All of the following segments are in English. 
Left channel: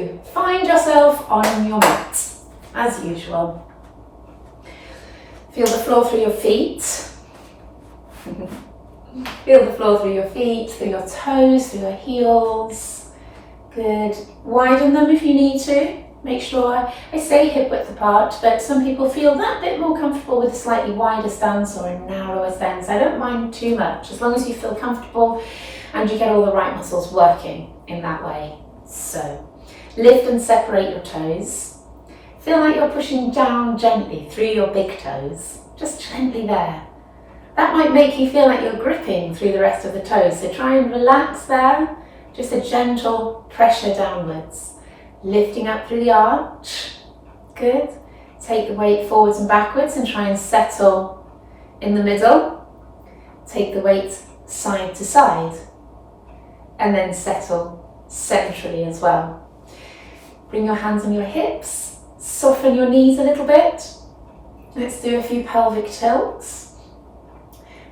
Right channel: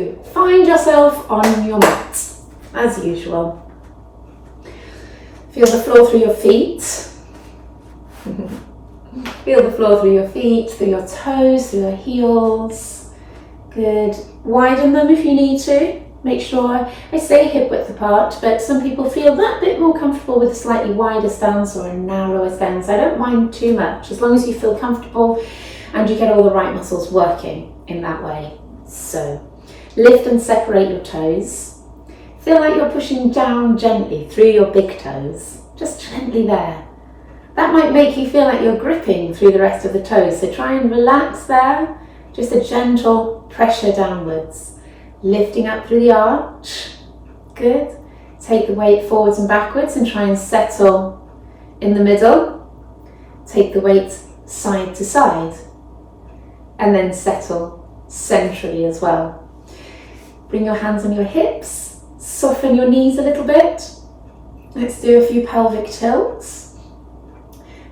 So, find yourself on your mat, as usual. Feel the floor through your feet. Feel the floor through your feet, through your toes, through your heels. Good. Widen them if you need to. Make sure, I say hip width apart, but some people feel that bit more comfortable with a slightly wider stance or a narrower stance. I don't mind too much, as long as you feel comfortable and you get all the right muscles working in that way. So, lift and separate your toes. Feel like you're pushing down gently through your big toes, just gently there. That might make you feel like you're gripping through the rest of the toes, so try and relax there. Just a gentle pressure downwards. Lifting up through the arch. Good. Take the weight forwards and backwards and try and settle in the middle. Take the weight side to side. And then settle centrally as well. Bring your hands on your hips. Soften your knees a little bit. Let's do a few pelvic tilts.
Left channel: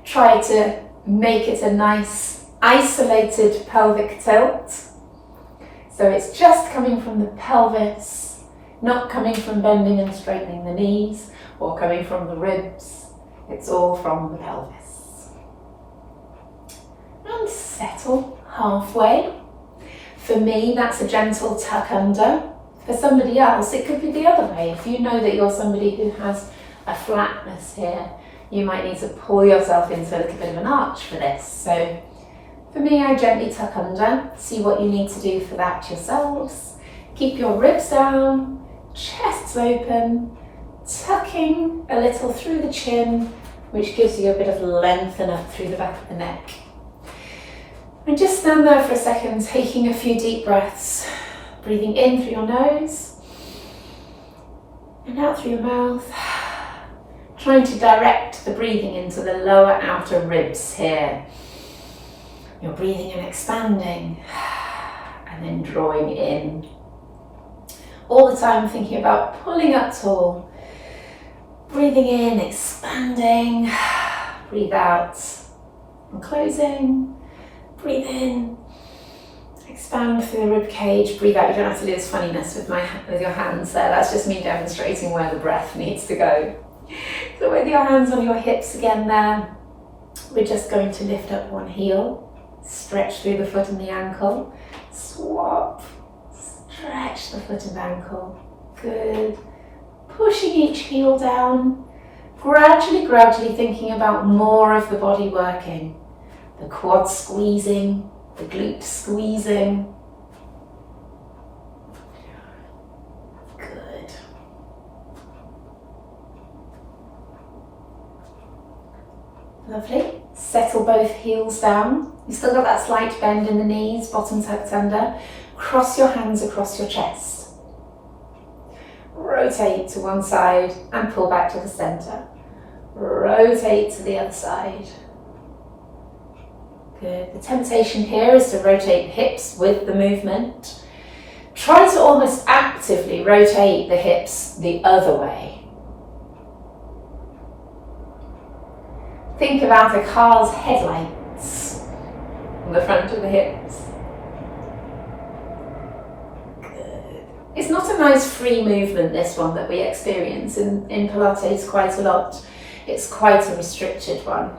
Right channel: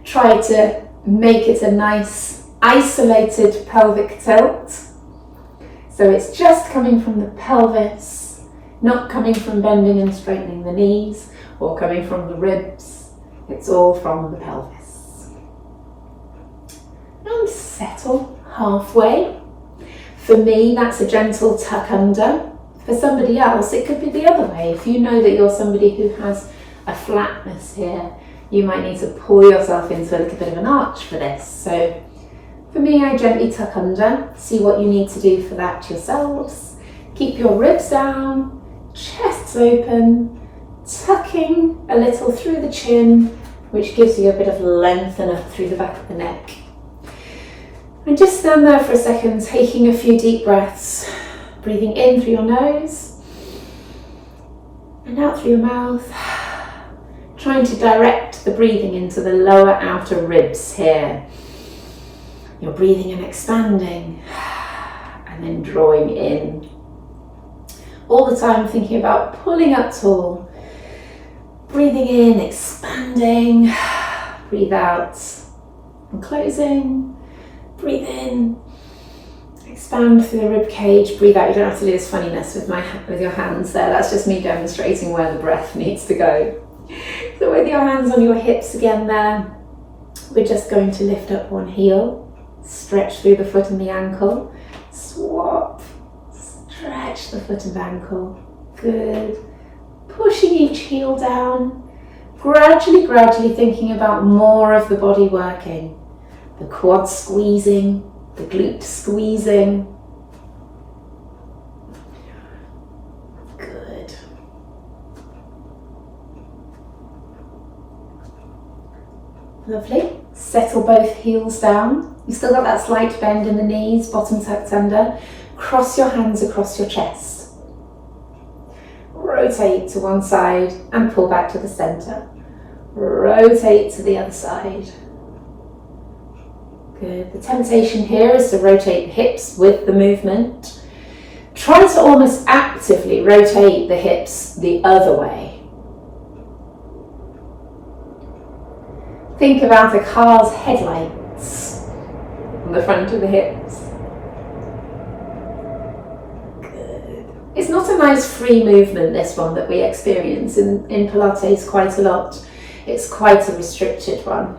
Try to make it a nice isolated pelvic tilt. So it's just coming from the pelvis, not coming from bending and straightening the knees or coming from the ribs. It's all from the pelvis. And settle halfway. For me, that's a gentle tuck under. For somebody else, it could be the other way. If you know that you're somebody who has a flatness here, you might need to pull yourself into a little bit of an arch for this. So for me, I gently tuck under. See what you need to do for that yourselves. Keep your ribs down, chests open, tucking a little through the chin, which gives you a bit of lengthen up through the back of the neck. And just stand there for a second, taking a few deep breaths. Breathing in through your nose and out through your mouth. Trying to direct the breathing into the lower outer ribs here. You're breathing and expanding and then drawing in. All the time thinking about pulling up tall. Breathing in, expanding. Breathe out and closing. Breathe in. Expand through the rib cage. Breathe out. You don't have to do this funniness with your hands there. That's just me demonstrating where the breath needs to go. So with your hands on your hips again there, we're just going to lift up one heel. Stretch through the foot and the ankle. Swap. Stretch the foot and ankle. Good. Pushing each heel down. Gradually thinking about more of the body working. The quad squeezing. The glute squeezing. Good. Lovely. Settle both heels down. You've still got that slight bend in the knees, bottom tucked under. Cross your hands across your chest. Rotate to one side and pull back to the center. Rotate to the other side. Good. The temptation here is to rotate the hips with the movement. Try to almost actively rotate the hips the other way. Think about a car's headlights on the front of the hips. Good. It's not a nice free movement, this one, that we experience in Pilates quite a lot. It's quite a restricted one.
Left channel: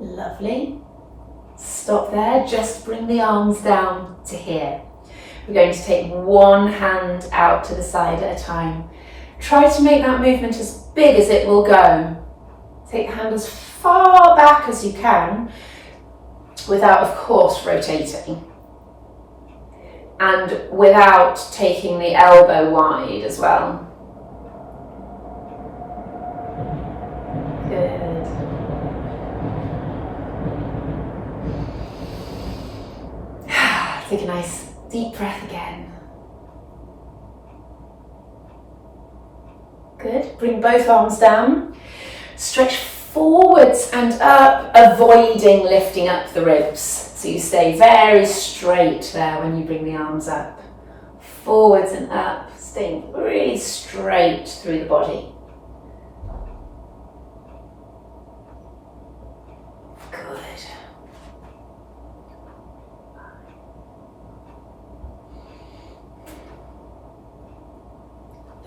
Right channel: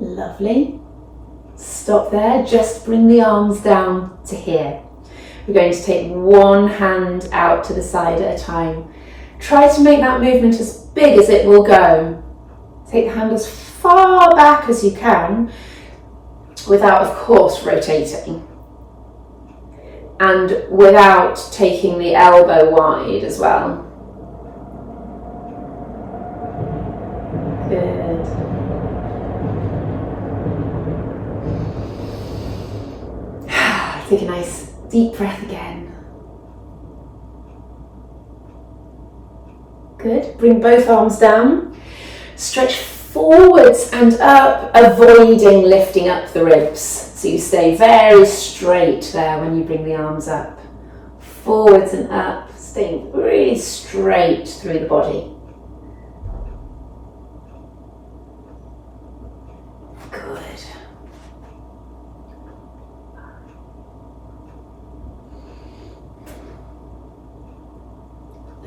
Lovely. Stop there, just bring the arms down to here. We're going to take one hand out to the side at a time. Try to make that movement as big as it will go. Take the hand as far back as you can without, of course, rotating. And without taking the elbow wide as well. Good. Take a nice deep breath again. Good. Bring both arms down. Stretch forwards and up, avoiding lifting up the ribs. So you stay very straight there when you bring the arms up. Forwards and up, staying really straight through the body. Good.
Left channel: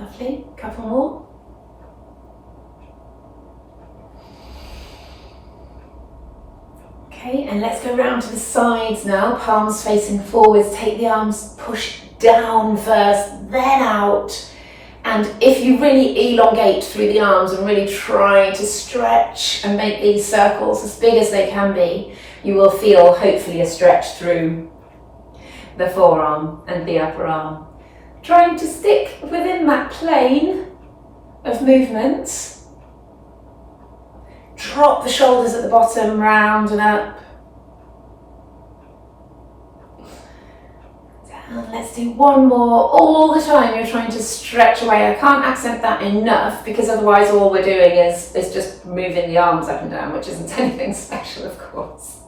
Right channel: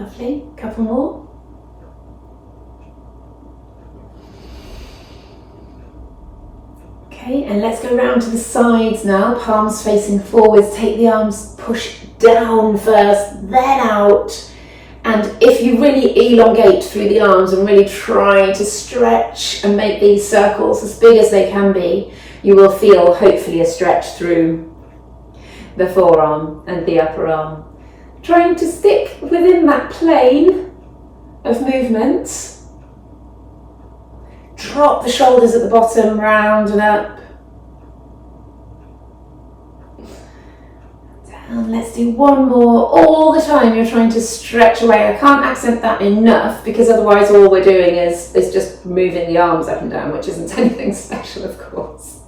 Lovely, couple more. Okay, and let's go round to the sides now, palms facing forwards. Take the arms, push down first, then out. And if you really elongate through the arms and really try to stretch and make these circles as big as they can be, you will feel hopefully a stretch through the forearm and the upper arm. Trying to stick within that plane of movement. Drop the shoulders at the bottom, round and up. Down, let's do one more. All the time you're trying to stretch away. I can't accent that enough because otherwise all we're doing is just moving the arms up and down, which isn't anything special, of course.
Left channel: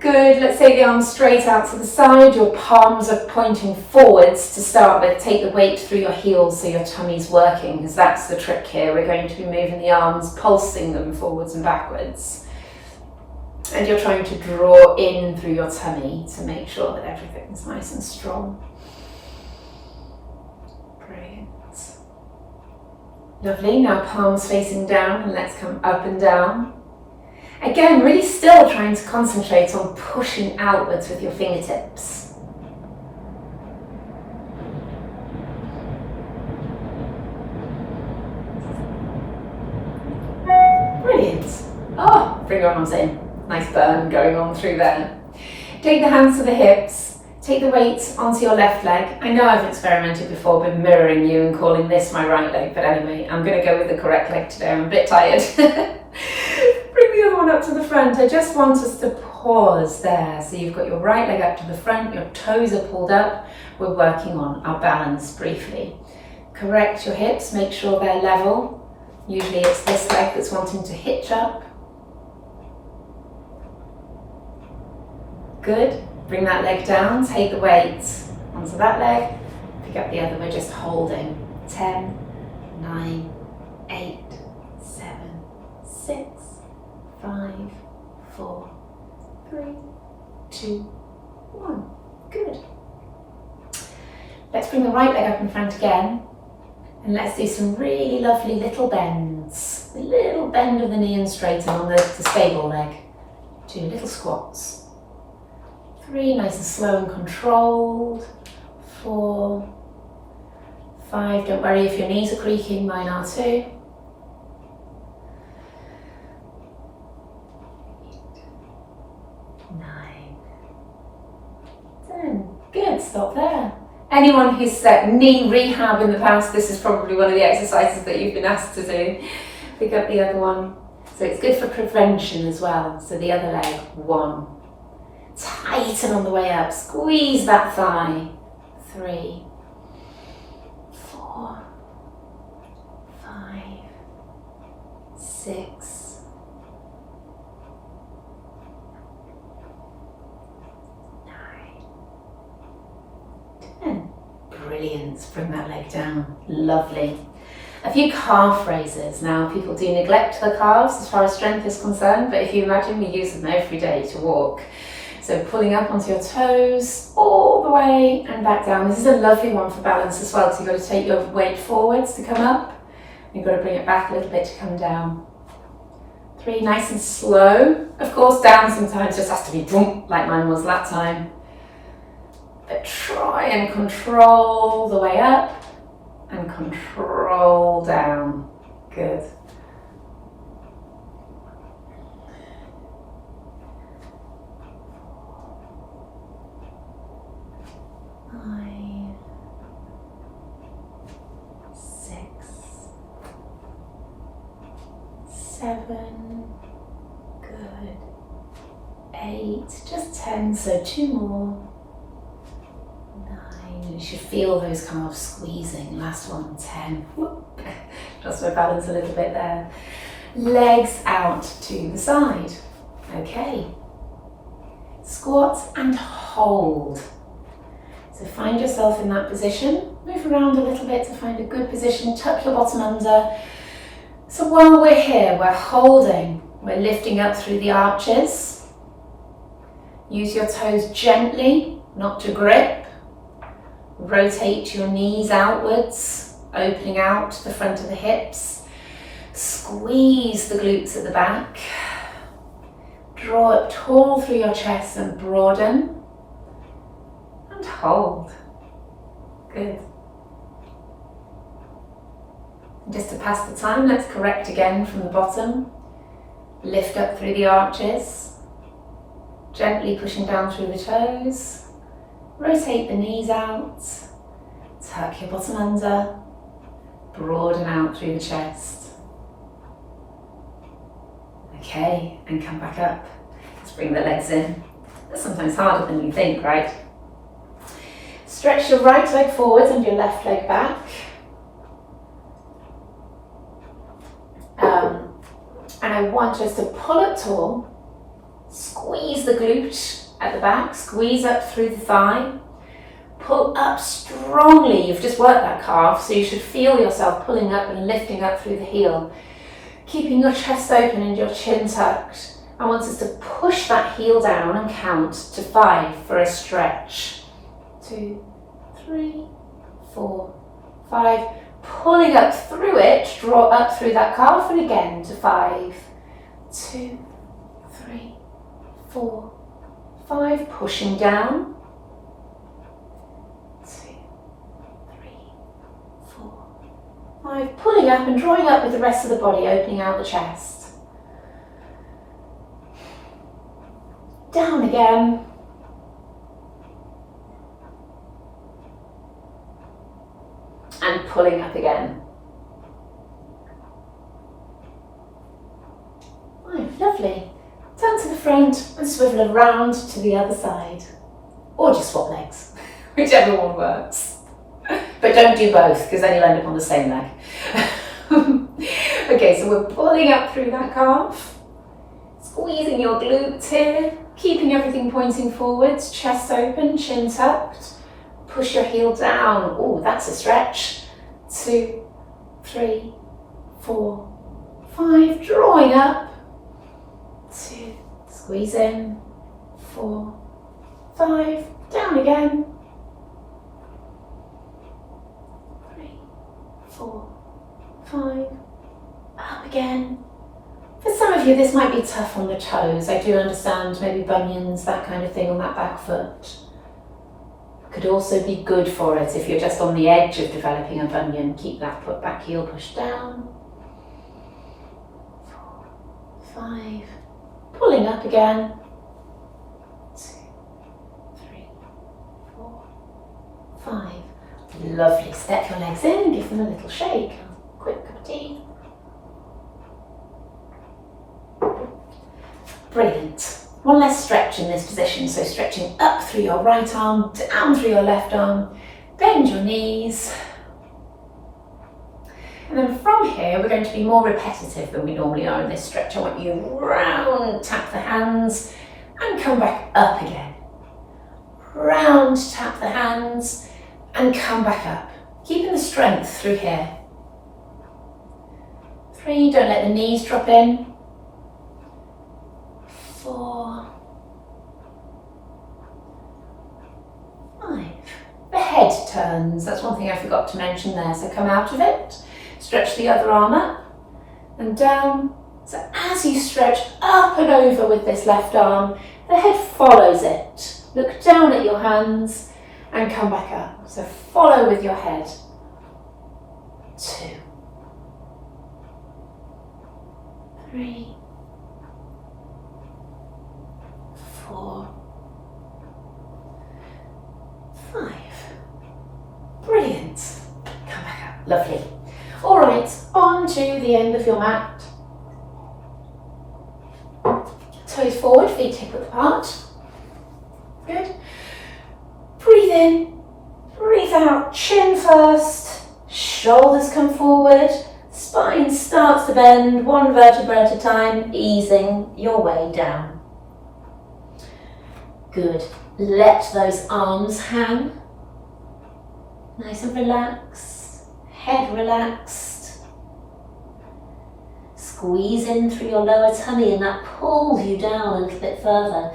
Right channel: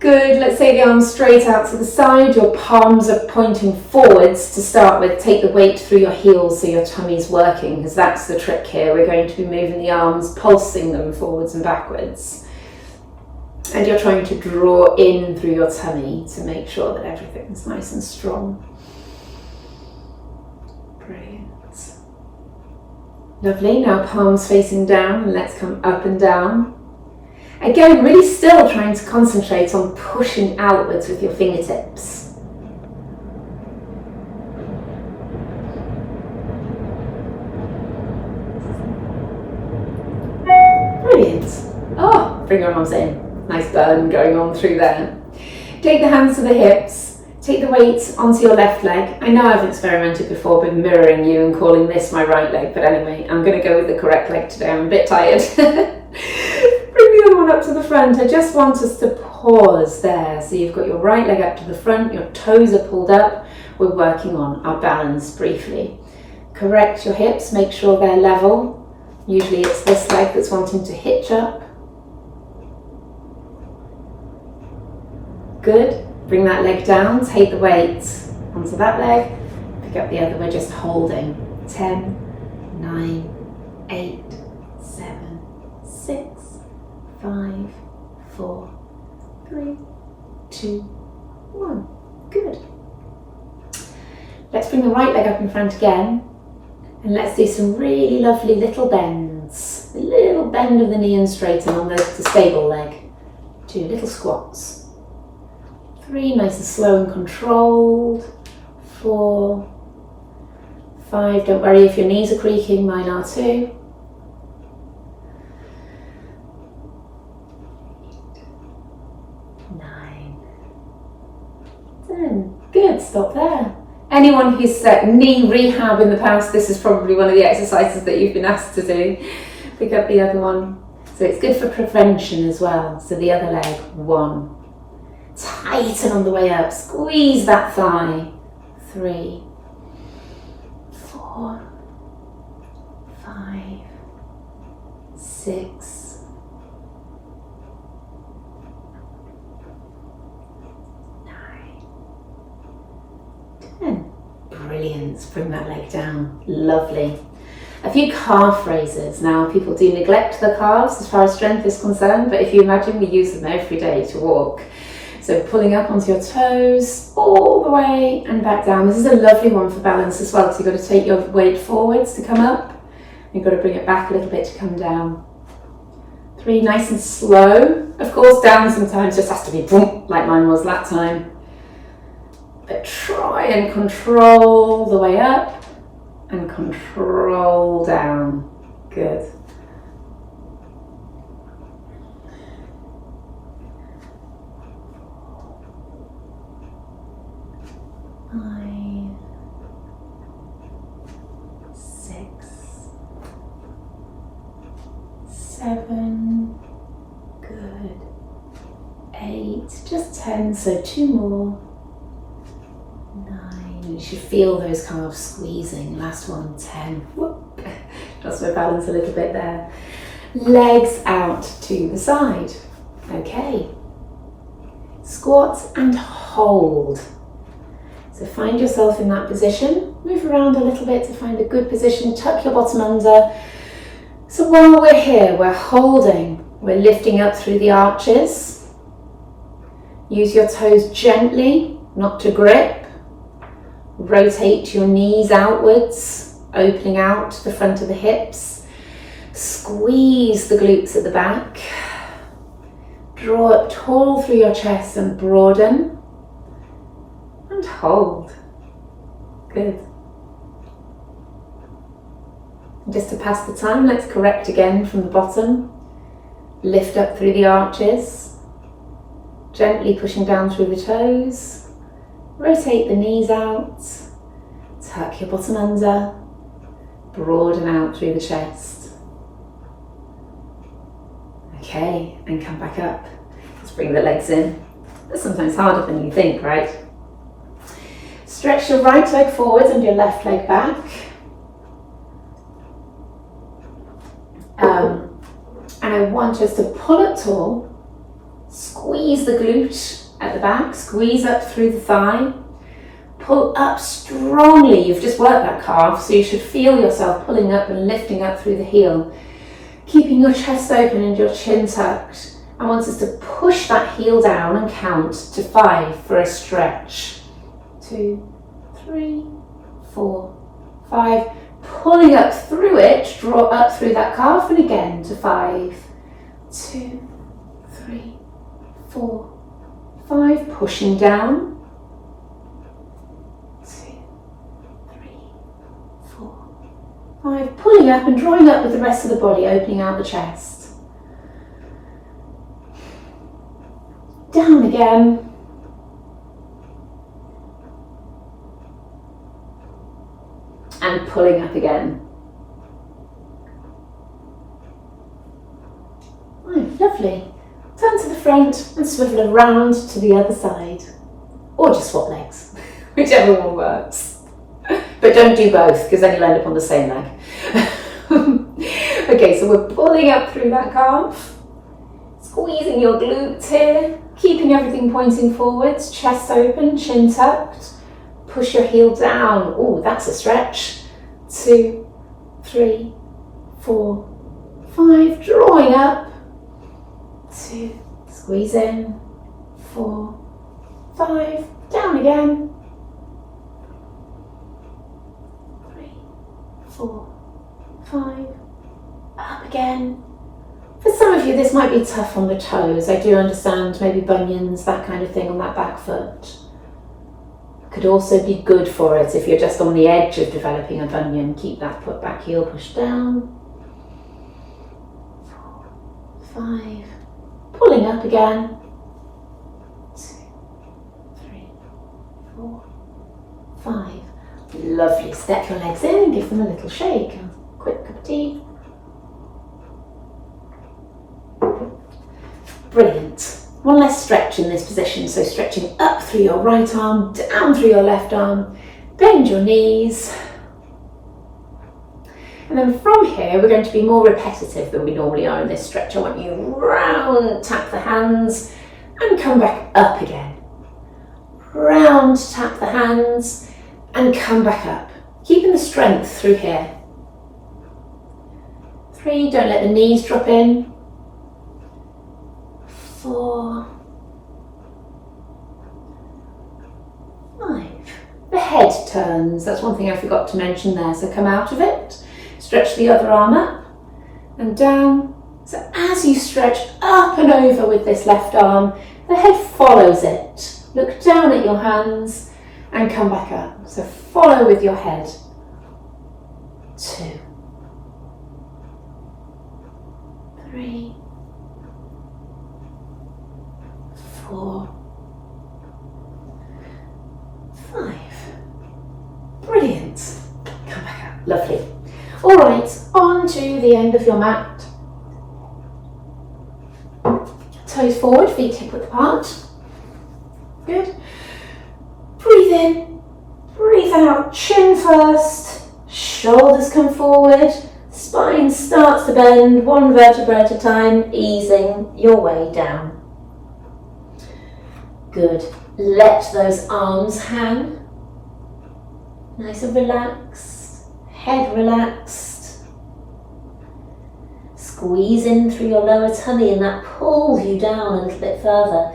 Good, let's take the arms straight out to the side. Your palms are pointing forwards to start with. Take the weight through your heels so your tummy's working, because that's the trick here. We're going to be moving the arms, pulsing them forwards and backwards. And you're trying to draw in through your tummy to make sure that everything's nice and strong. Brilliant. Lovely, now palms facing down, and let's come up and down. Again, really still trying to concentrate on pushing outwards with your fingertips. Brilliant. Oh, bring your arms in. Nice burn going on through there. Take the hands to the hips. Take the weight onto your left leg. I know I've experimented before, been mirroring you and calling this my right leg, but anyway, I'm going to go with the correct leg today. I'm a bit tired. Bring the other one up to the front. I just want us to pause there. So you've got your right leg up to the front, your toes are pulled up. We're working on our balance briefly. Correct your hips, make sure they're level. Usually it's this leg that's wanting to hitch up. Good. Bring that leg down, take the weight onto that leg, pick up the other, we're just holding. 10, 9, 8, 7, 6, 5, 4, 3, 2, 1. Good. Let's bring the right leg up in front again, and let's do some really lovely little bends. A little bend of the knee and straighten on the stable leg. 2 little squats. 3, nice and slow and controlled. 4, 5, don't worry if your knees are creaking, mine are too. 9, 10. Good, stop there. Anyone who's set knee rehab in the past, this is probably one of the exercises that you've been asked to do. Pick up the other one. So it's good for prevention as well. So the other leg, 1. Tighten on the way up, squeeze that thigh. 3, 4, 5, 6, 9, 10. Brilliant, bring that leg down, lovely. A few calf raises. Now people do neglect the calves as far as strength is concerned, but if you imagine we use them every day to walk. So pulling up onto your toes, all the way and back down. This is a lovely one for balance as well, because you've got to take your weight forwards to come up. You've got to bring it back a little bit to come down. 3, nice and slow. Of course, down sometimes just has to be boom, like mine was that time. But try and control the way up and control down. Good. 5, 6, 7, good. 8, just 10, so 2 more. 9, you should feel those calves squeezing. Last one, 10. Whoop. Just my balance a little bit there. Legs out to the side. Okay. Squat and hold. So find yourself in that position, move around a little bit to find a good position, tuck your bottom under. So while we're here, we're holding, we're lifting up through the arches. Use your toes gently, not to grip. Rotate your knees outwards, opening out the front of the hips. Squeeze the glutes at the back. Draw up tall through your chest and broaden. And hold. Good. Just to pass the time, let's correct again from the bottom. Lift up through the arches. Gently pushing down through the toes. Rotate the knees out. Tuck your bottom under. Broaden out through the chest. Okay, and come back up. Let's bring the legs in. That's sometimes harder than you think, right? Stretch your right leg forwards and your left leg back. And I want us to pull up tall, squeeze the glute at the back, squeeze up through the thigh, pull up strongly. You've just worked that calf, so you should feel yourself pulling up and lifting up through the heel, keeping your chest open and your chin tucked. I want us to push that heel down and count to 5 for a stretch. 2, 3, 4, 5. Pulling up through it, draw up through that calf, and again to 5. 2, 3, 4, 5. Pushing down. 2, 3, 4, 5. Pulling up and drawing up with the rest of the body, opening out the chest. Down again. And pulling up again. Right, lovely. Turn to the front and swivel around to the other side. Or just swap legs, whichever one works. But don't do both, because then you'll end up on the same leg. Okay, so we're pulling up through that calf. Squeezing your glutes here. Keeping everything pointing forwards, chest open, chin tucked. Push your heel down. Oh, that's a stretch. 2, 3, 4, 5. Drawing up. 2. Squeeze in. 4, 5. Down again. 3, 4, 5. Up again. For some of you, this might be tough on the toes. I do understand maybe bunions, that kind of thing on that back foot. Could also be good for it if you're just on the edge of developing a bunion. Keep that foot back heel pushed down. 4, 5. Pulling up again. 2, 3, 4, 5. Lovely. Step your legs in and give them a little shake. A quick cup of tea. Brilliant. One less stretch in this position, so stretching up through your right arm, down through your left arm, bend your knees. And then from here, we're going to be more repetitive than we normally are in this stretch. I want you round, tap the hands, and come back up again. Round, tap the hands, and come back up. Keeping the strength through here. 3, don't let the knees drop in. 4, 5. The head turns. That's one thing I forgot to mention there. So come out of it, stretch the other arm up and down. So as you stretch up and over with this left arm, the head follows it. Look down at your hands and come back up. So follow with your head. 2, 3, 4, 5. Brilliant. Come back up. Lovely. All right, on to the end of your mat. Toes forward, feet hip width apart. Good. Breathe in, breathe out, chin first, shoulders come forward, spine starts to bend, one vertebra at a time, easing your way down. Good. Let those arms hang. Nice and relaxed. Head relaxed. Squeeze in through your lower tummy and that pulls you down a little bit further.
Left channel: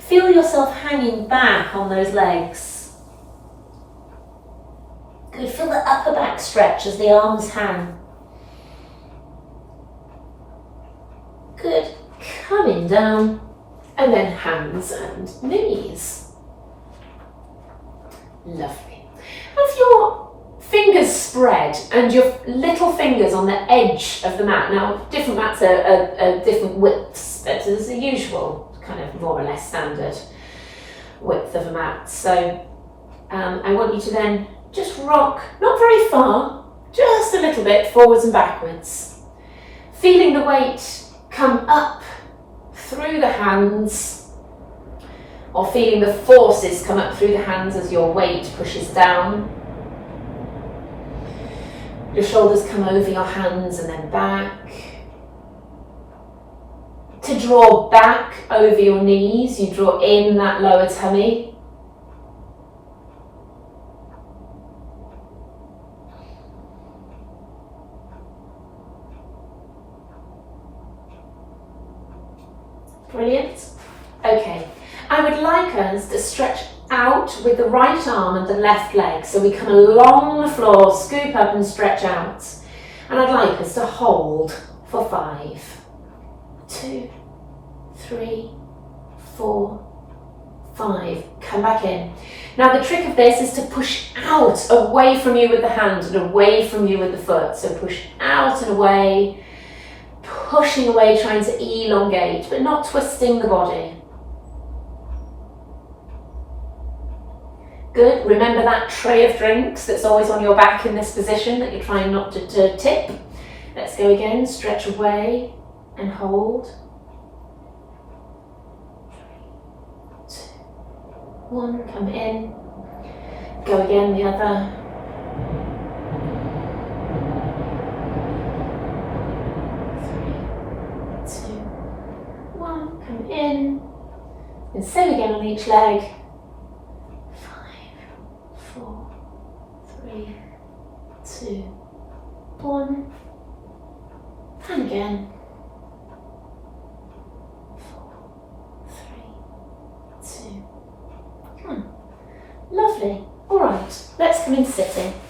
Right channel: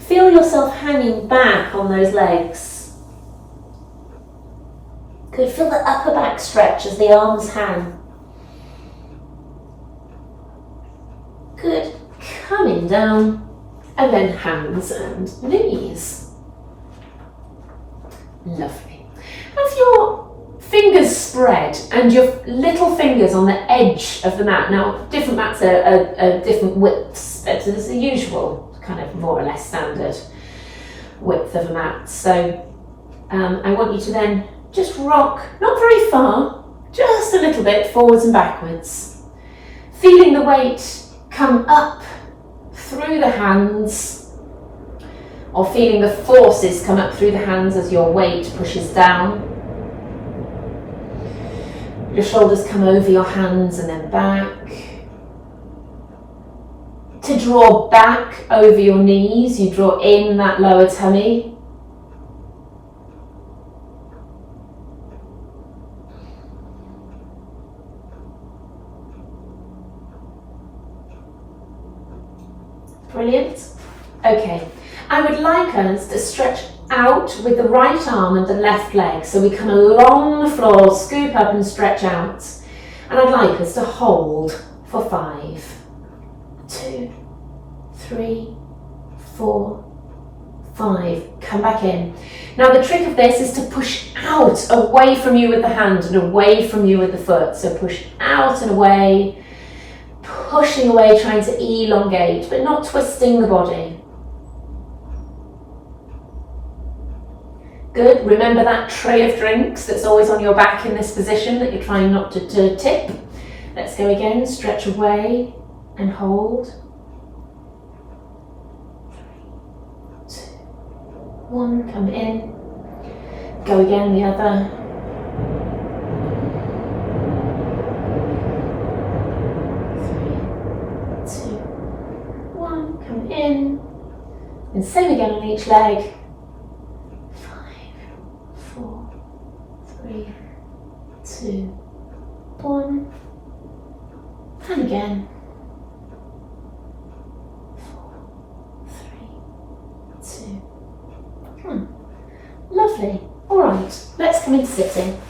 Feel yourself hanging back on those legs. Good, feel the upper back stretch as the arms hang. Good, coming down, and then hands and knees. Lovely. Have your fingers spread and your little fingers on the edge of the mat. Now, different mats are different widths, so there's a usual kind of more or less standard width of a mat. So I want you to then just rock, not very far, just a little bit forwards and backwards. Feeling the weight come up through the hands, or feeling the forces come up through the hands as your weight pushes down. Your shoulders come over your hands and then back. To draw back over your knees, you draw in that lower tummy. Brilliant. Okay, I would like us to stretch out with the right arm and the left leg. So we come along the floor, scoop up and stretch out. And I'd like us to hold for 5, 2, 3, 4, 5. Come back in. Now the trick of this is to push out away from you with the hand and away from you with the foot. So push out and away. Pushing away, trying to elongate, but not twisting the body. Good, remember that tray of drinks that's always on your back in this position that you're trying not to tip. Let's go again, stretch away and hold. 3, 2, 1, come in. Go again, the other. 3, 2, 1, come in. And same again on each leg. 5, 4, 3, 2, 1. And again. 4, 3, 2, 1. Lovely. All right, let's come into sitting.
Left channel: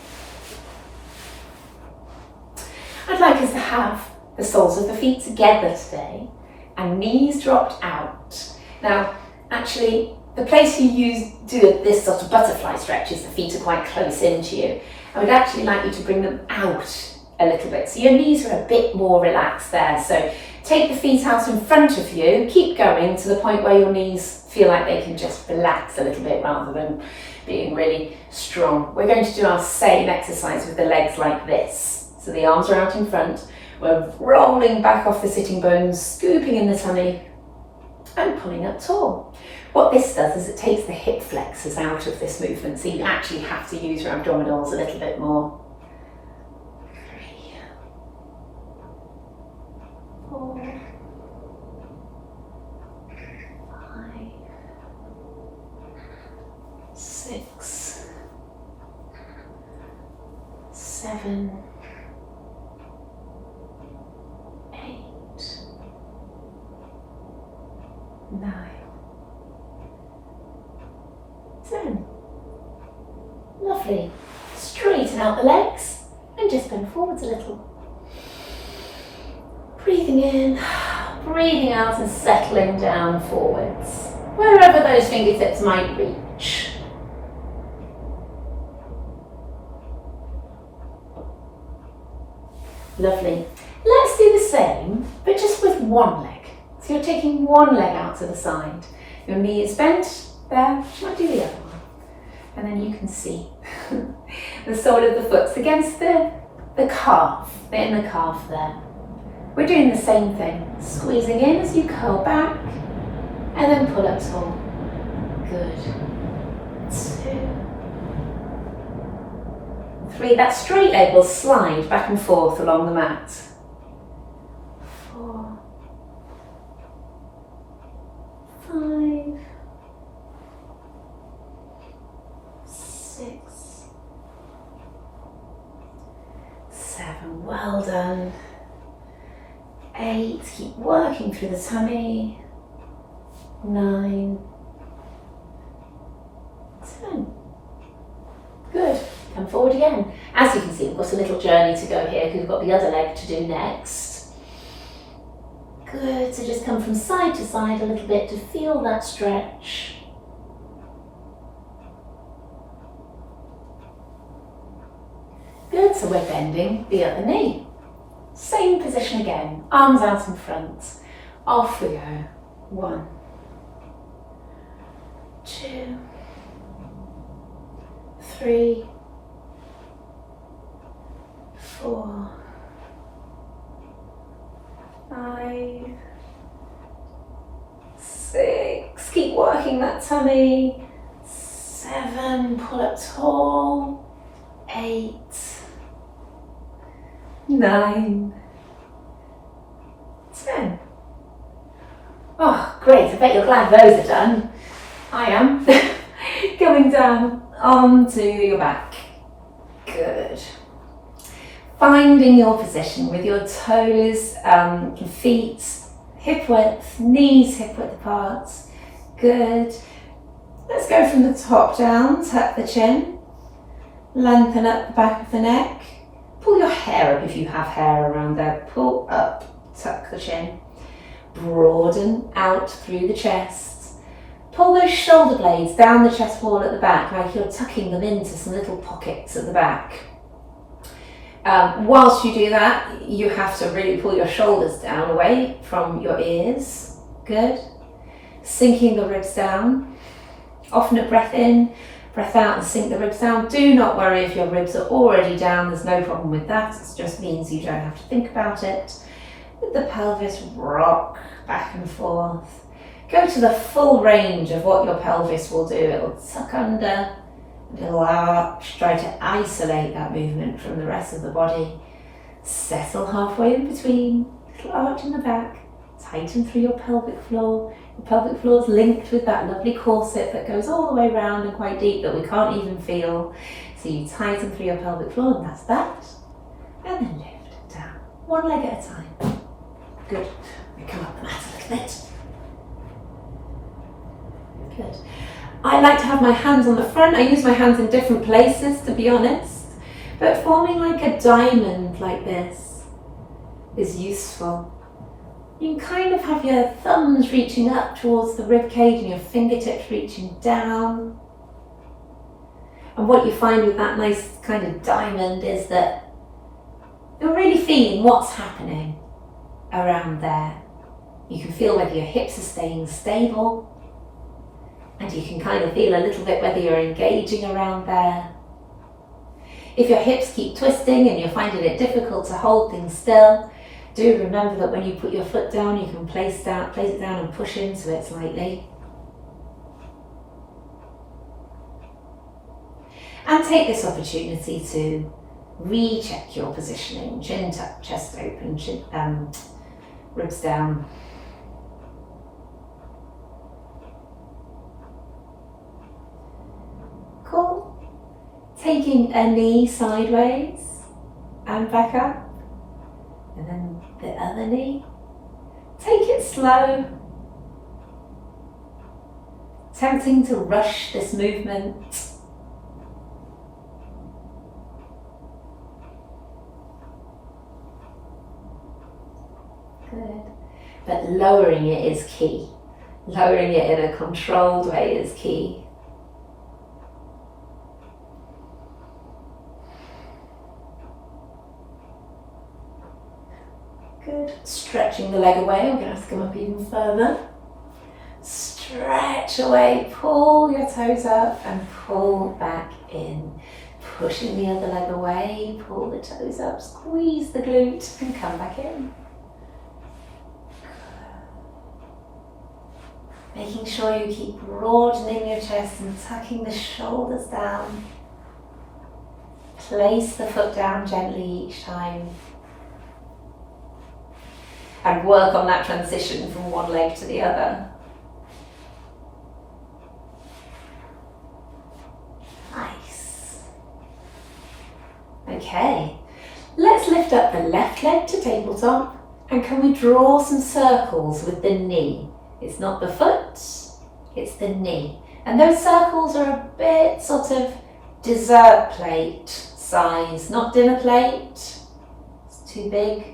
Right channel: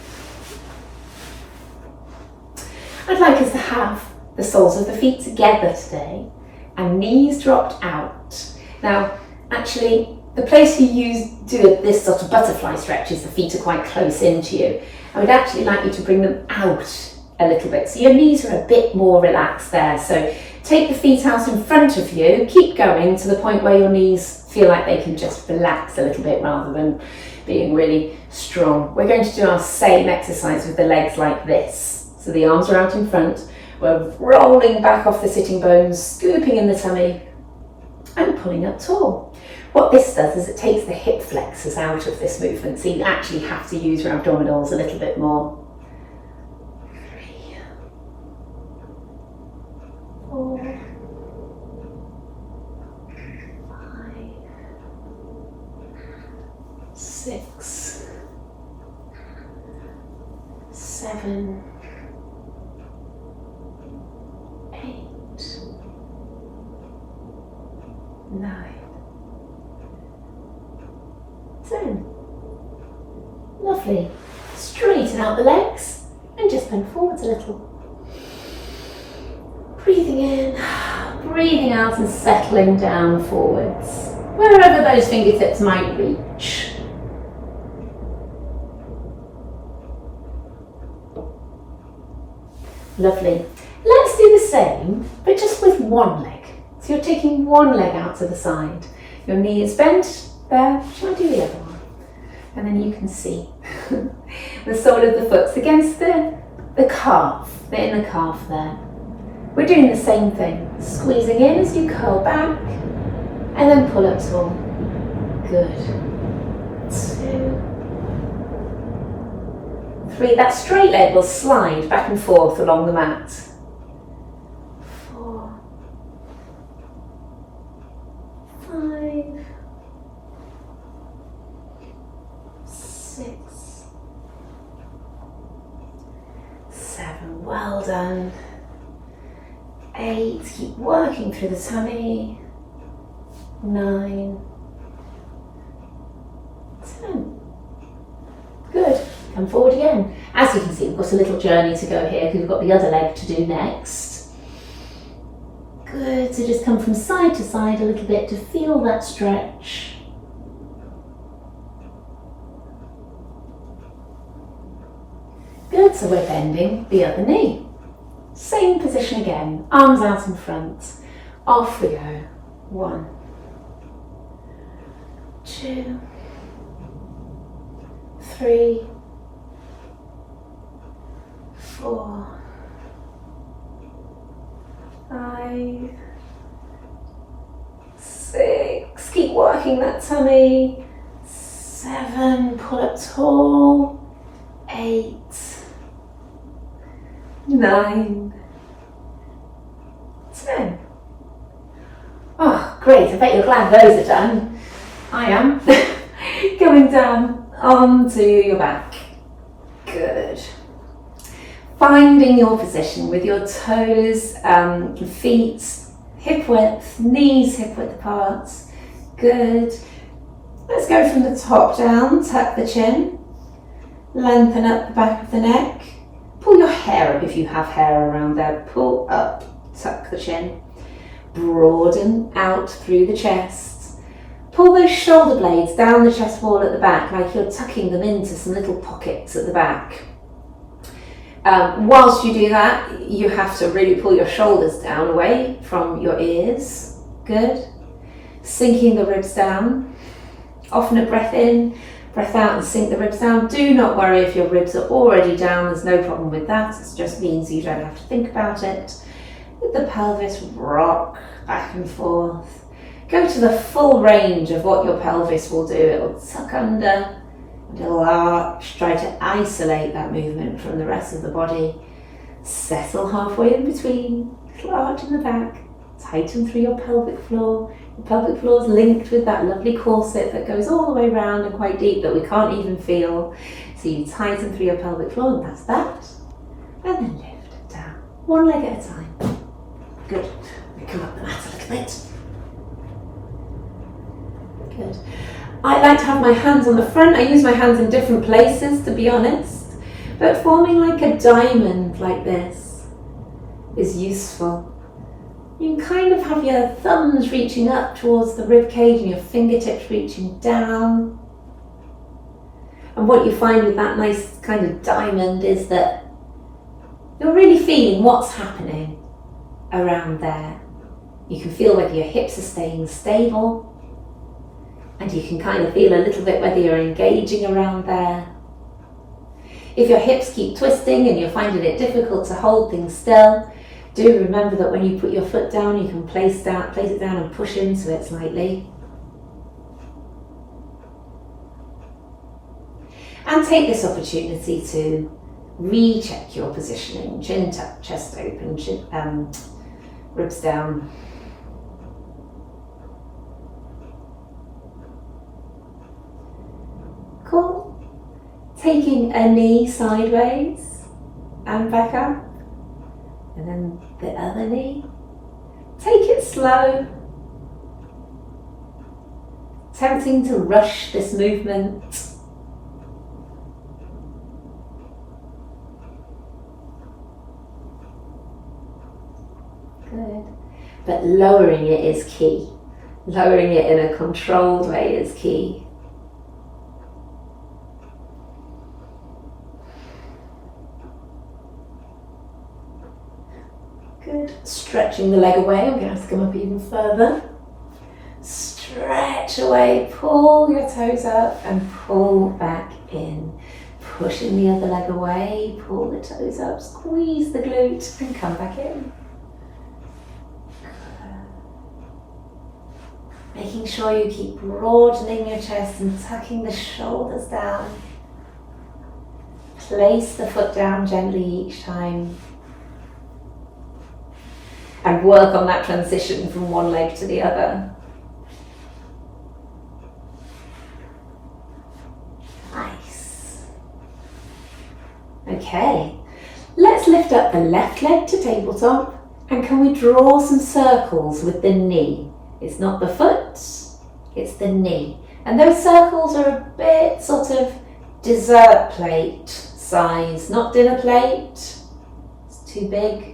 I'd like us to have the soles of the feet together today and knees dropped out. Now, actually, the place you do this sort of butterfly stretch is the feet are quite close into you. I would actually like you to bring them out a little bit. So your knees are a bit more relaxed there. So take the feet out in front of you, keep going to the point where your knees feel like they can just relax a little bit rather than being really strong. We're going to do our same exercise with the legs like this. So the arms are out in front, we're rolling back off the sitting bones, scooping in the tummy and pulling up tall. What this does is it takes the hip flexors out of this movement, so you actually have to use your abdominals a little bit more. 3, 4, 5, 6, 7, 8, 9, 10. Lovely. Straighten out the legs and just bend forwards a little. Breathing in, breathing out and settling down forwards, wherever those fingertips might reach. Lovely. Let's do the same, but just with one leg. So you're taking one leg out to the side. Your knee is bent there. Shall I do the other one? And then you can see the sole of the foot's against the calf, the inner calf there. We're doing the same thing. Squeezing in as you curl back and then pull up tall. Good. 2, 3. That straight leg will slide back and forth along the mat. 4, 5, 6, 7. Well done. 8. Keep working through the tummy. 9, 10. Good. Come forward again. As you can see, we've got a little journey to go here because we've got the other leg to do next. Good, so just come from side to side a little bit to feel that stretch. Good, so we're bending the other knee. Same position again, arms out in front. Off we go. 1, 2, 3, 4, 5, 6, keep working that tummy. 7, pull up tall. 8, 9, 10. Oh, great, I bet you're glad those are done. I am. Coming down onto your back. Good. Finding your position with your toes, feet, hip width, knees hip width apart. Good. Let's go from the top down, tuck the chin, lengthen up the back of the neck, pull your hair up if you have hair around there, pull up, tuck the chin, broaden out through the chest, pull those shoulder blades down the chest wall at the back like you're tucking them into some little pockets at the back. Whilst you do that, you have to really pull your shoulders down away from your ears. Good. Sinking the ribs down. Often a breath in, breath out and sink the ribs down. Do not worry if your ribs are already down, there's no problem with that. It just means you don't have to think about it. Let the pelvis rock back and forth. Go to the full range of what your pelvis will do. It will tuck under. Little arch, try to isolate that movement from the rest of the body. Settle halfway in between, little arch in the back, tighten through your pelvic floor. The pelvic floor is linked with that lovely corset that goes all the way around and quite deep that we can't even feel. So you tighten through your pelvic floor and that's that. And then lift down, one leg at a time. Good. Come up the mat a little bit. Good. I like to have my hands on the front. I use my hands in different places, to be honest. But forming like a diamond like this is useful. You can kind of have your thumbs reaching up towards the rib cage and your fingertips reaching down. And what you find with that nice kind of diamond is that you're really feeling what's happening around there. You can feel whether your hips are staying stable. And you can kind of feel a little bit whether you're engaging around there. If your hips keep twisting and you're finding it difficult to hold things still, do remember that when you put your foot down, you can place it down and push into it slightly. And take this opportunity to recheck your positioning. Chin tuck, chest open, ribs down. Cool. Taking a knee sideways and back up. And then the other knee. Take it slow. Tempting to rush this movement. Good. But lowering it is key. Lowering it in a controlled way is key. Good. Stretching the leg away. I'm going to have to come up even further. Stretch away. Pull your toes up and pull back in. Pushing the other leg away. Pull the toes up. Squeeze the glute and come back in. Making sure you keep broadening your chest and tucking the shoulders down. Place the foot down gently each time. And work on that transition from one leg to the other. Nice. Okay, let's lift up the left leg to tabletop. And can we draw some circles with the knee? It's not the foot, it's the knee. And those circles are a bit sort of dessert plate size, not dinner plate. It's too big.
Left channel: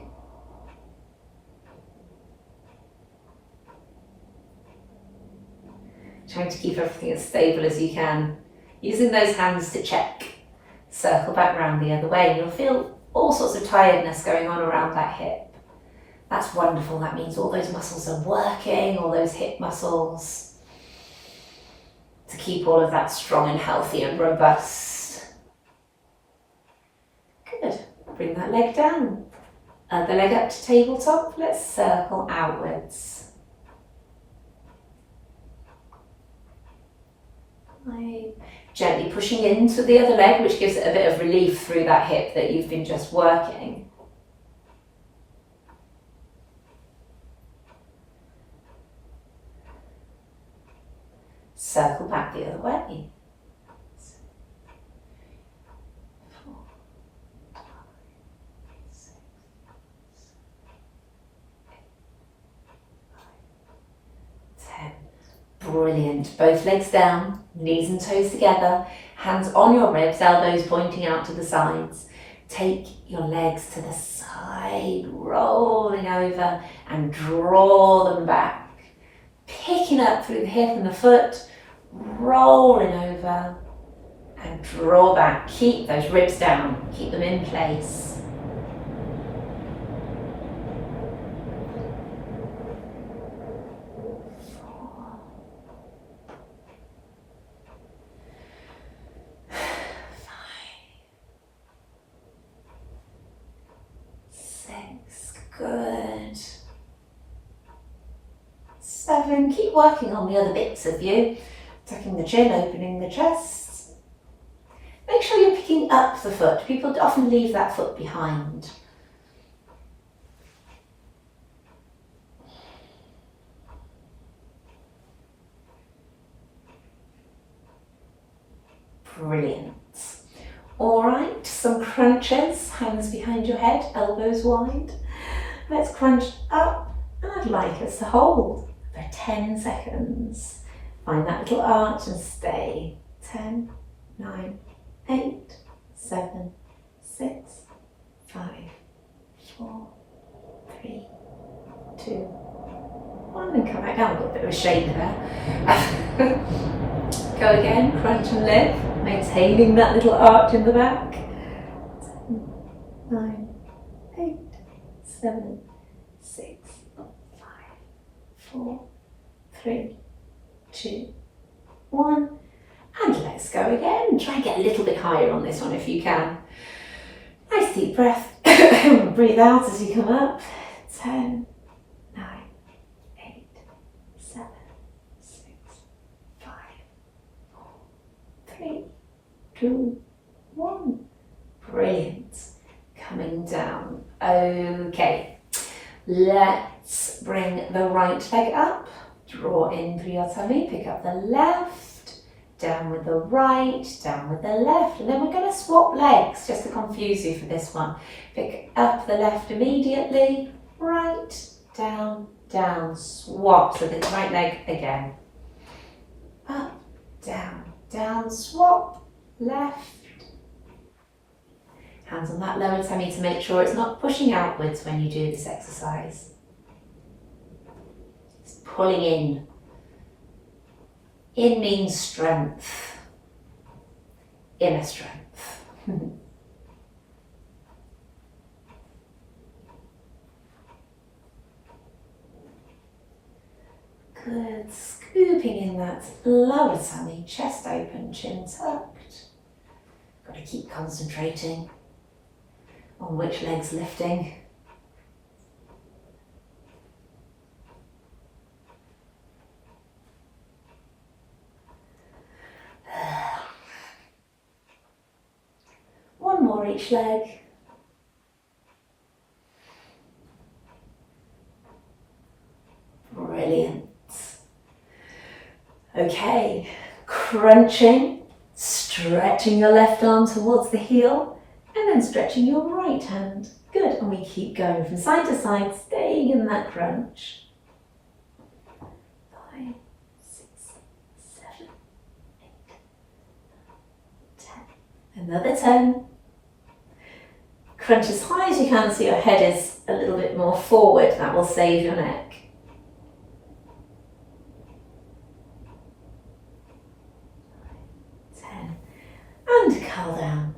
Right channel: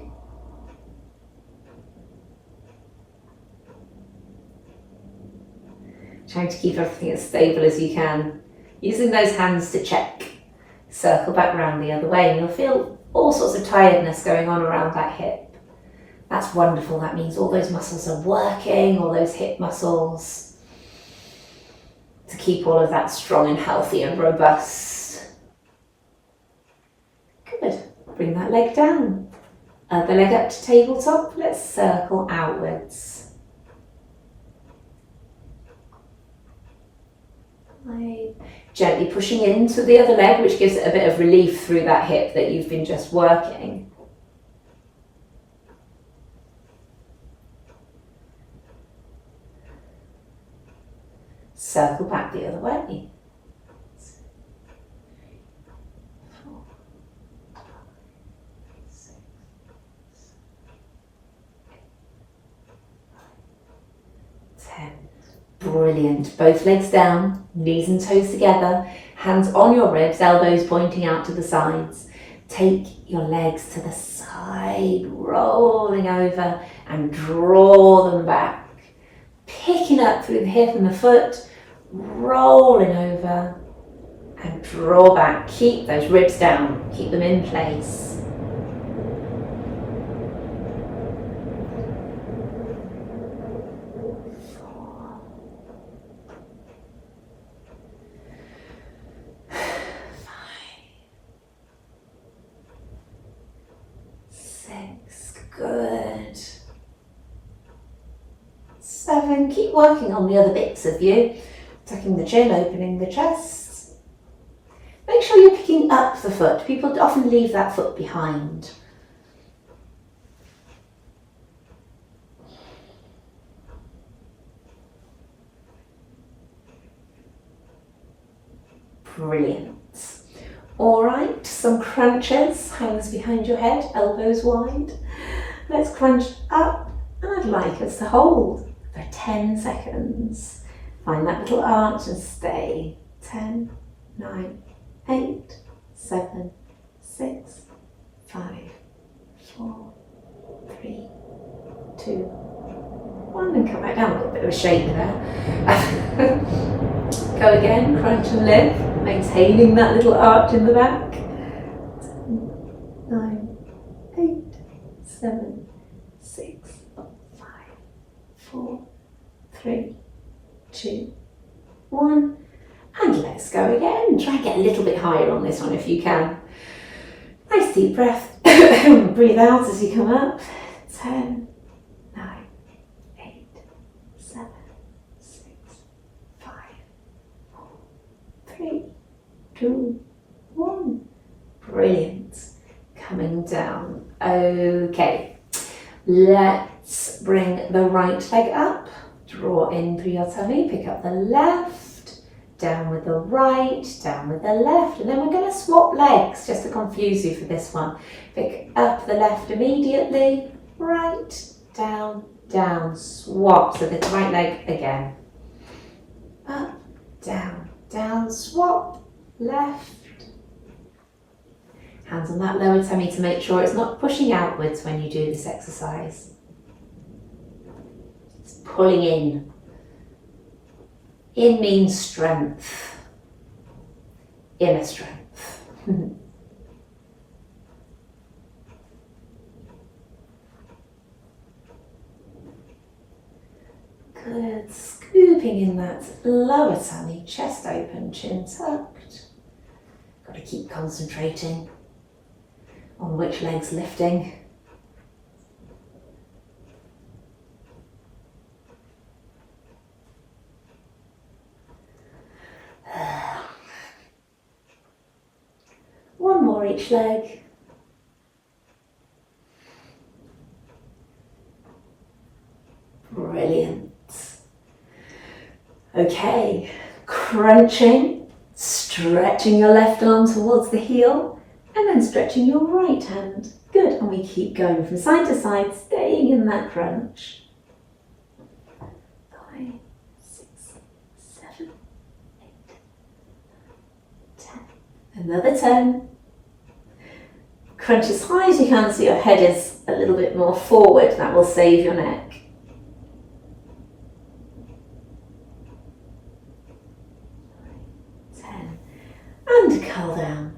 Trying to keep everything as stable as you can. Using those hands to check. Circle back round the other way and you'll feel all sorts of tiredness going on around that hip. That's wonderful. That means all those muscles are working, all those hip muscles, to keep all of that strong and healthy and robust. Good. Bring that leg down. Other leg up to tabletop. Let's circle outwards. Right. Gently pushing into the other leg, which gives it a bit of relief through that hip that you've been just working. Circle back the other way. 4, 5, 6, 7, 8, 9, 10. Brilliant. Both legs down, knees and toes together, hands on your ribs, elbows pointing out to the sides. Take your legs to the side, rolling over and draw them back. Picking up through the hip and the foot, rolling over and draw back. Keep those ribs down, keep them in place. Good. 7, keep working on the other bits of you. Tucking the chin, opening the chest. Make sure you're picking up the foot. People often leave that foot behind. Brilliant. All right, some crunches, hands behind your head, elbows wide. Let's crunch up, and I'd like us to hold for 10 seconds. Find that little arch and stay. 10, 9, 8, 7, 6, 5, 4, 3, 2, 1, and come back down. A little bit of a shake there. Go again, crunch and lift, maintaining that little arch in the back. 10, 9, 8, 7, 6, 5, 4, 3, 2, 1. And let's go again. Try and get a little bit higher on this one if you can. Nice deep breath. Breathe out as you come up. 10, 9, 8, 7, 6, 5, 4, 3, 2, 1. Brilliant. Coming down. Okay. Let's bring the right leg up. Draw in through your tummy. Pick up the left. Down with the right, down with the left, and then we're going to swap legs just to confuse you for this one. Pick up the left immediately, right, down, down, swap. So the right leg again. Up, down, down, swap, left. Hands on that lower tummy to make sure it's not pushing outwards when you do this exercise. It's pulling in. In means strength, inner strength. Good, scooping in that lower tummy, chest open, chin tucked. Got to keep concentrating on which leg's lifting. One more each leg. Brilliant. Okay, crunching, stretching your left arm towards the heel, and then stretching your right hand. Good, and we keep going from side to side, staying in that crunch. 5, 6, 7, 8, 10, Another 10. Crunch as high as you can so your head is a little bit more forward. That will save your neck. 10. And curl down.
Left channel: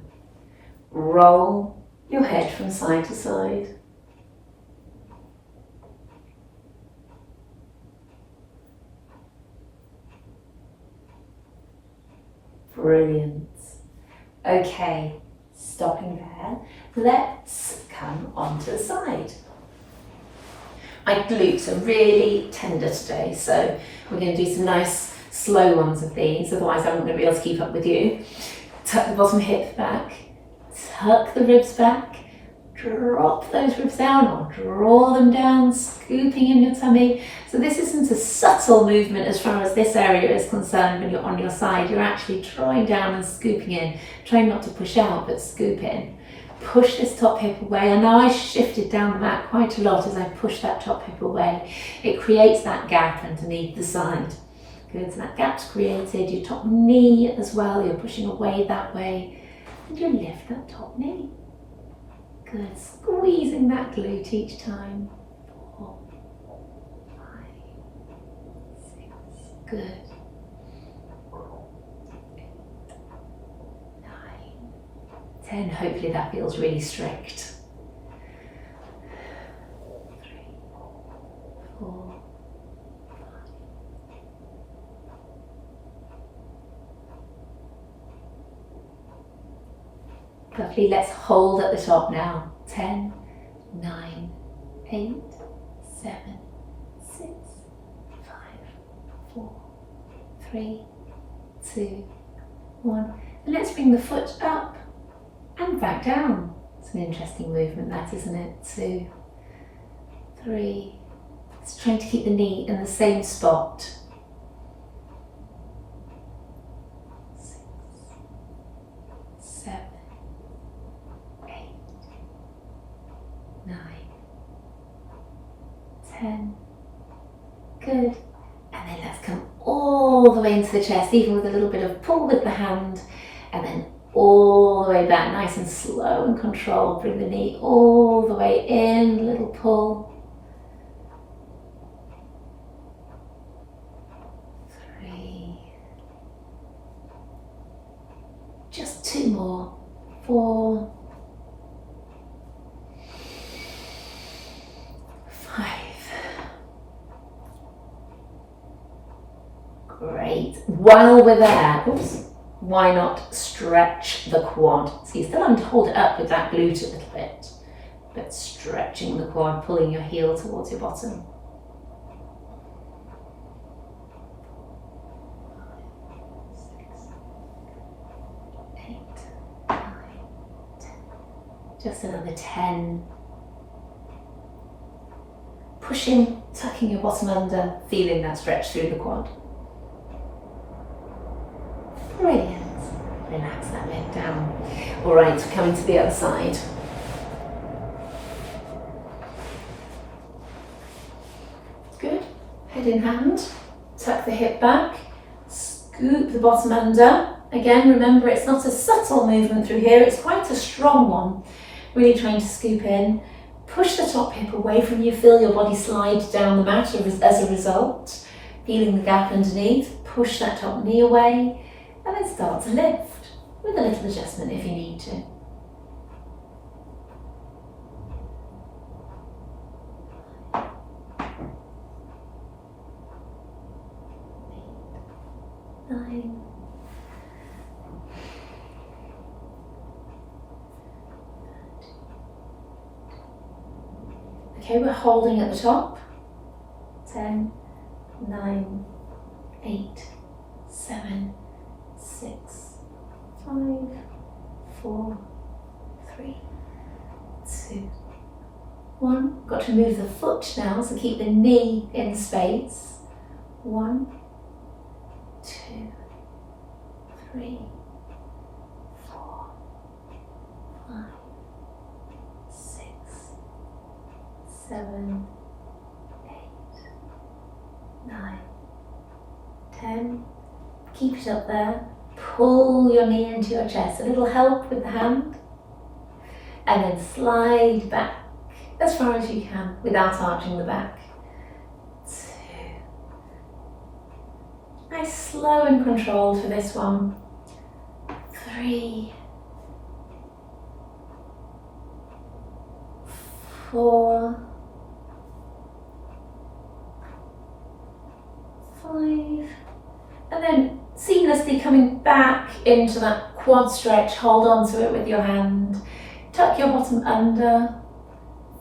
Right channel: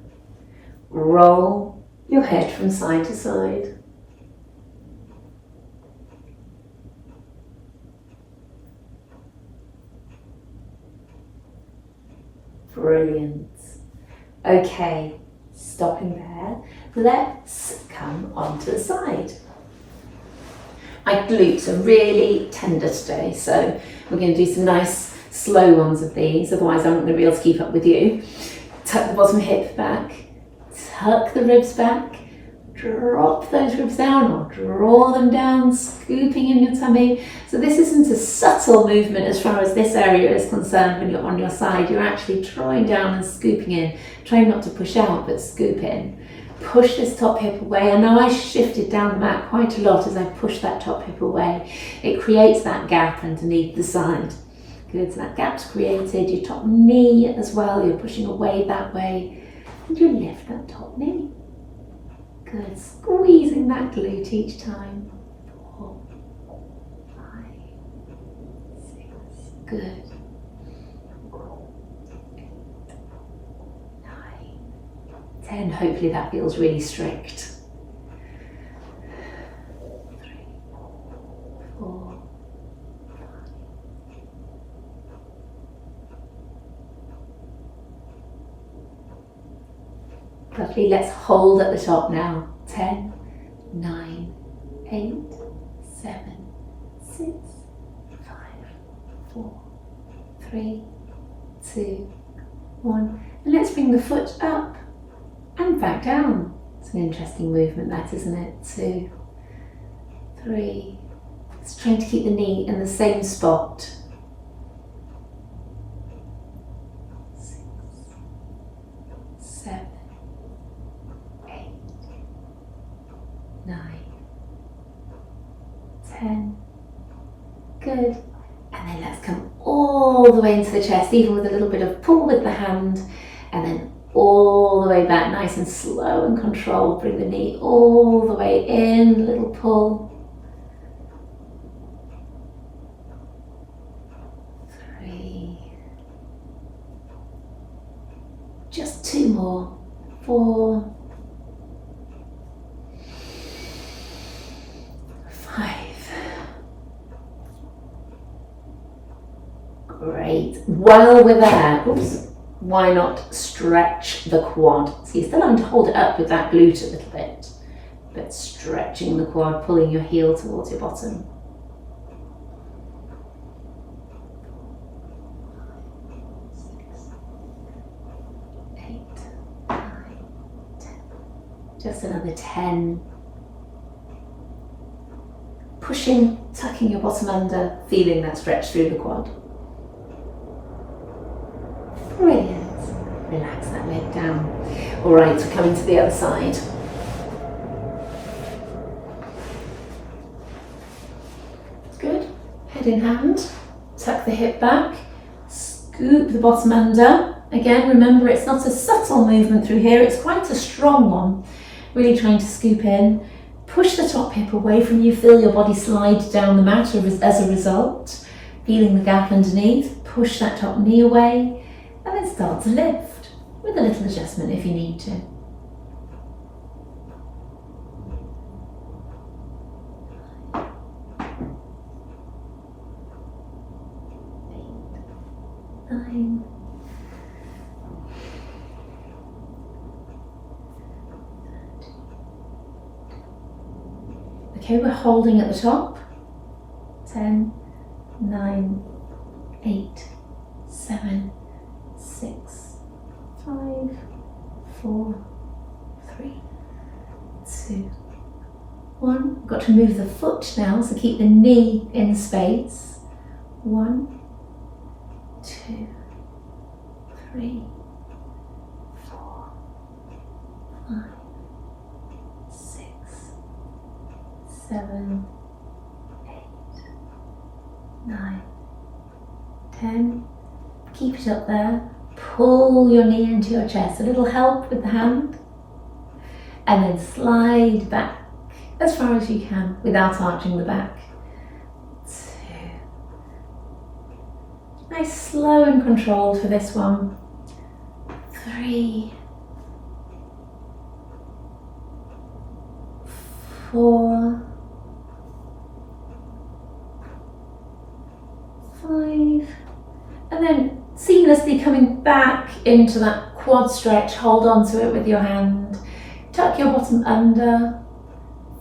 Roll your head from side to side. Brilliant. Okay, stopping there. Let's come onto the side. My glutes are really tender today, so we're going to do some nice slow ones of these, otherwise I'm not going to be able to keep up with you. Tuck the bottom hip back, tuck the ribs back, drop those ribs down or draw them down, scooping in your tummy. So this isn't a subtle movement as far as this area is concerned when you're on your side. You're actually drawing down and scooping in, trying not to push out but scoop in. Push this top hip away, and now I shifted down the mat quite a lot as I push that top hip away. It creates that gap underneath the side. Good, so that gap's created, your top knee as well, you're pushing away that way, and you lift that top knee. Good, squeezing that glute each time. 4, 5, 6, good. 10, hopefully that feels really strict. 3, 4, 5. Lovely, let's hold at the top now. 10, 9, 8, 7, 6, 5, 4, 3, 2, 1. And let's bring the foot up and back down. It's an interesting movement that, isn't it? 2, 3. It's trying to keep the knee in the same spot. 6, 7, 8, 9, 10. Good. And then let's come all the way into the chest, even with a little bit of pull with the hand, and then all the way back, nice and slow and controlled. Bring the knee all the way in, little pull. 3. Just 2 more. 4. 5. Great. While we're there, oops. Why not stretch the quad? So you're still having to hold it up with that glute a little bit, but stretching the quad, pulling your heel towards your bottom. 6, 8, 9, 10. Just another 10. Pushing, tucking your bottom under, feeling that stretch through the quad. Brilliant. Relax that leg down. All right, we're coming to the other side. Good. Head in hand. Tuck the hip back. Scoop the bottom under. Again, remember it's not a subtle movement through here. It's quite a strong one. Really trying to scoop in. Push the top hip away from you. Feel your body slide down the mat as a result. Feeling the gap underneath. Push that top knee away. And then start to lift with a little adjustment if you need to. 8, 9. Okay, we're holding at the top. 10, 9, 8, 7, 6, 5, 4, 3, 2, 1. Got to move the foot now, so keep the knee in space. 1, 2, 3, 4, 5, 6, 7, 8, 9, 10. Keep it up there. pull your knee into your chest, a little help with the hand, and then slide back as far as you can without arching the back. 2. Nice, slow and controlled for this one. 3. 4. 5. And then seamlessly coming back into that quad stretch. Hold on to it with your hand. Tuck your bottom under.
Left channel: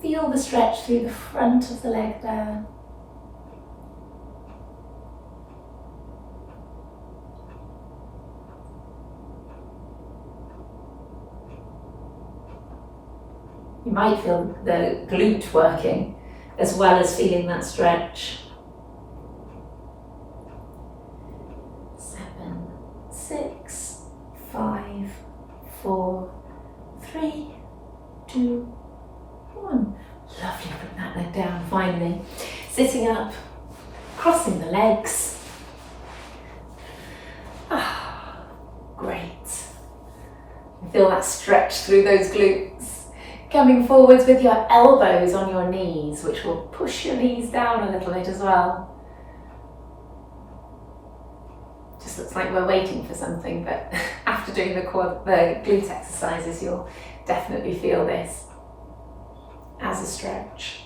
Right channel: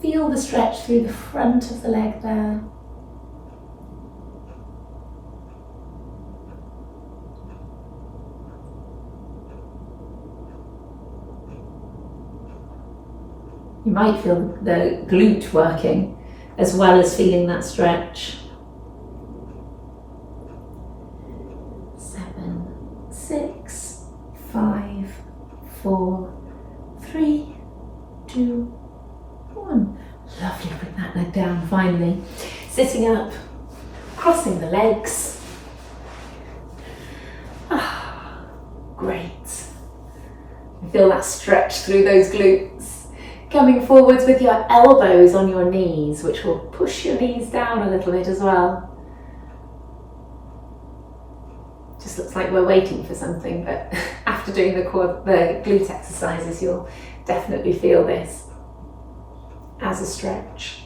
Feel the stretch through the front of the leg there. You might feel the glute working as well as feeling that stretch. 7, 6, 5, 4, 3, 2, 1. Lovely, bring that leg down finally. Sitting up, crossing the legs. Ah, great. Feel that stretch through those glutes. Coming forwards with your elbows on your knees, which will push your knees down a little bit as well. Just looks like we're waiting for something, but after doing the glute exercises, you'll definitely feel this as a stretch.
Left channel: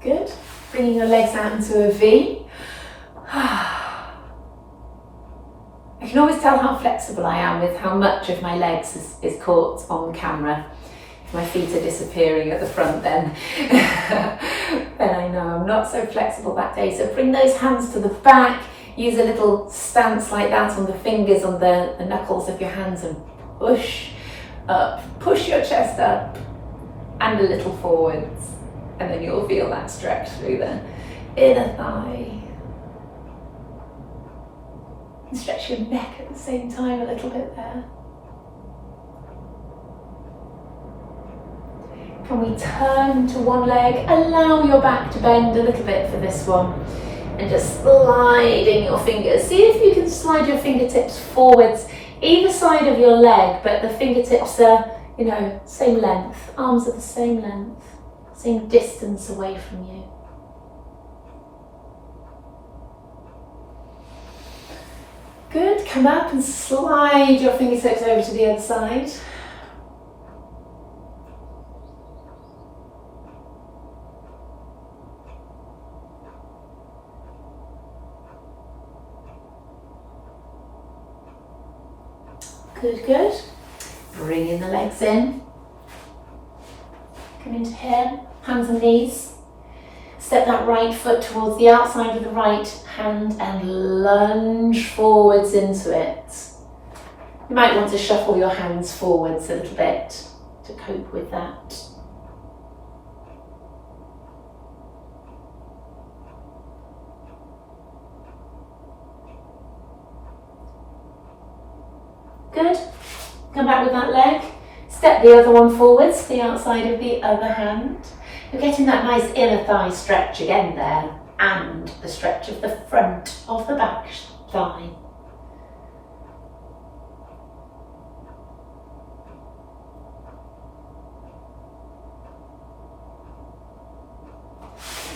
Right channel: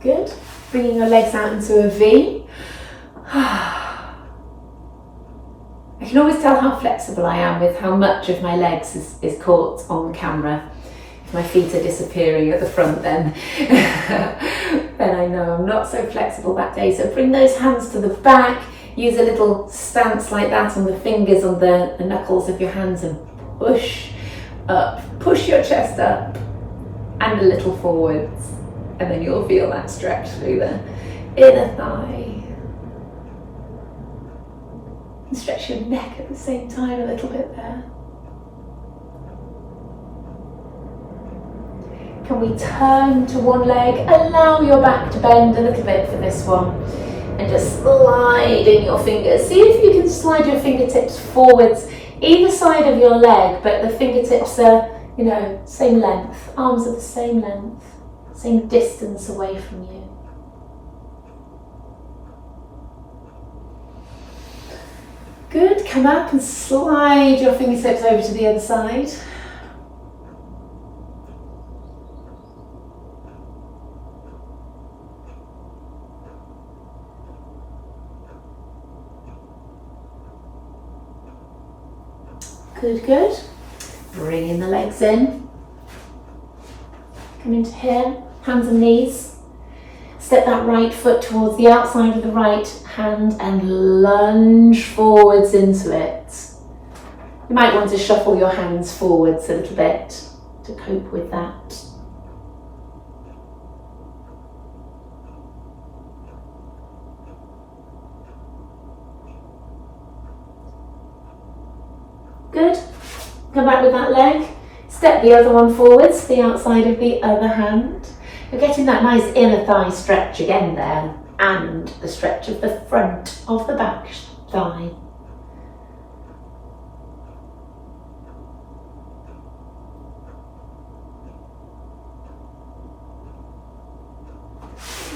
Good. Bringing your legs out into a V. I can always tell how flexible I am with how much of my legs is caught on camera. If my feet are disappearing at the front, then I know I'm not so flexible that day. So bring those hands to the back, use a little stance like that on the fingers, on the knuckles of your hands, and push up, push your chest up and a little forwards, and then you'll feel that stretch through the inner thigh. And stretch your neck at the same time a little bit there. Can we turn to one leg? Allow your back to bend a little bit for this one. And just sliding your fingers. See if you can slide your fingertips forwards, either side of your leg, but the fingertips are, same length. Arms are the same length, same distance away from you. Good, come up and slide your fingertips over to the other side. Good, good. Bringing the legs in. Come into here, hands and knees. Step that right foot towards the outside of the right hand and lunge forwards into it. You might want to shuffle your hands forwards a little bit to cope with that. Good. Come back with that leg. Step the other one forwards to the outside of the other hand. You're getting that nice inner thigh stretch again there, and the stretch of the front of the back thigh.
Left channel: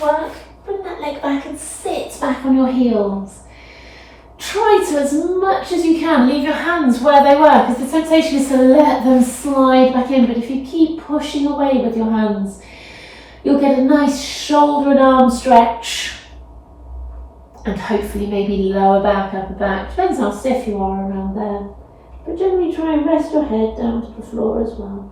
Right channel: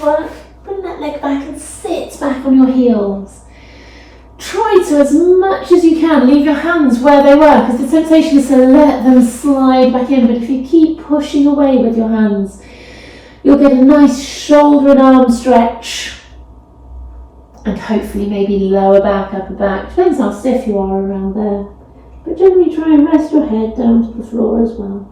Work, bring that leg back and sit back on your heels. Try to, as much as you can, leave your hands where they were, because the temptation is to let them slide back in, but if you keep pushing away with your hands, you'll get a nice shoulder and arm stretch, and hopefully maybe lower back, upper back. Depends how stiff you are around there. But generally try and rest your head down to the floor as well.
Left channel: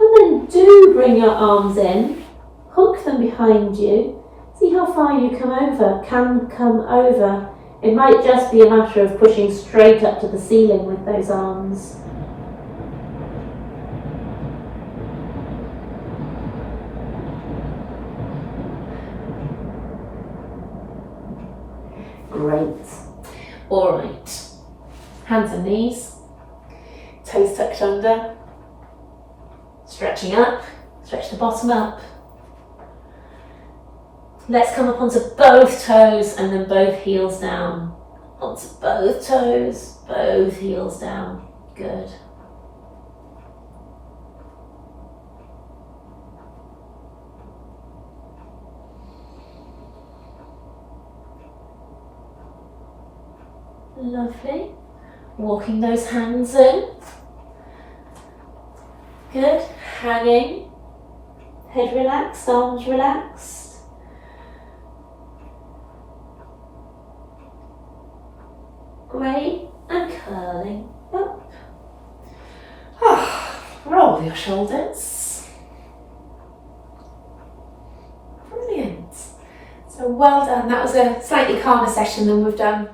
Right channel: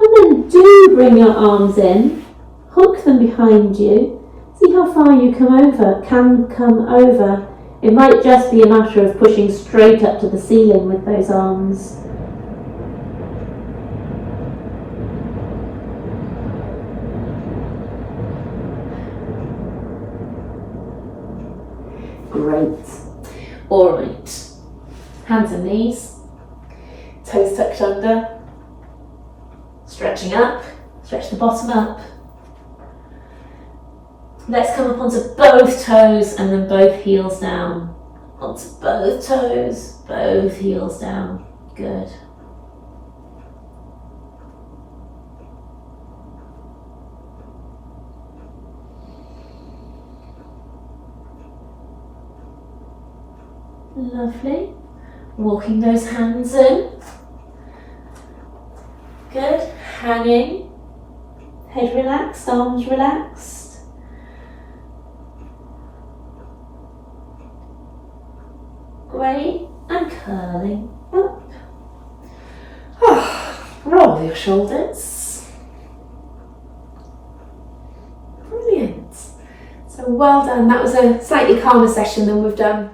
And then do bring your arms in, hook them behind you. See how far you can come over. It might just be a matter of pushing straight up to the ceiling with those arms. Great. All right. Hands and knees. Toes tucked under. Stretching up. Stretch the bottom up. Let's come up onto both toes and then both heels down. Onto both toes, both heels down. Good. Lovely. Walking those hands in. Good. Hanging. Head relaxed, arms relaxed. Great. And curling up. Roll your shoulders. Brilliant. So well done. That was a slightly calmer session than we've done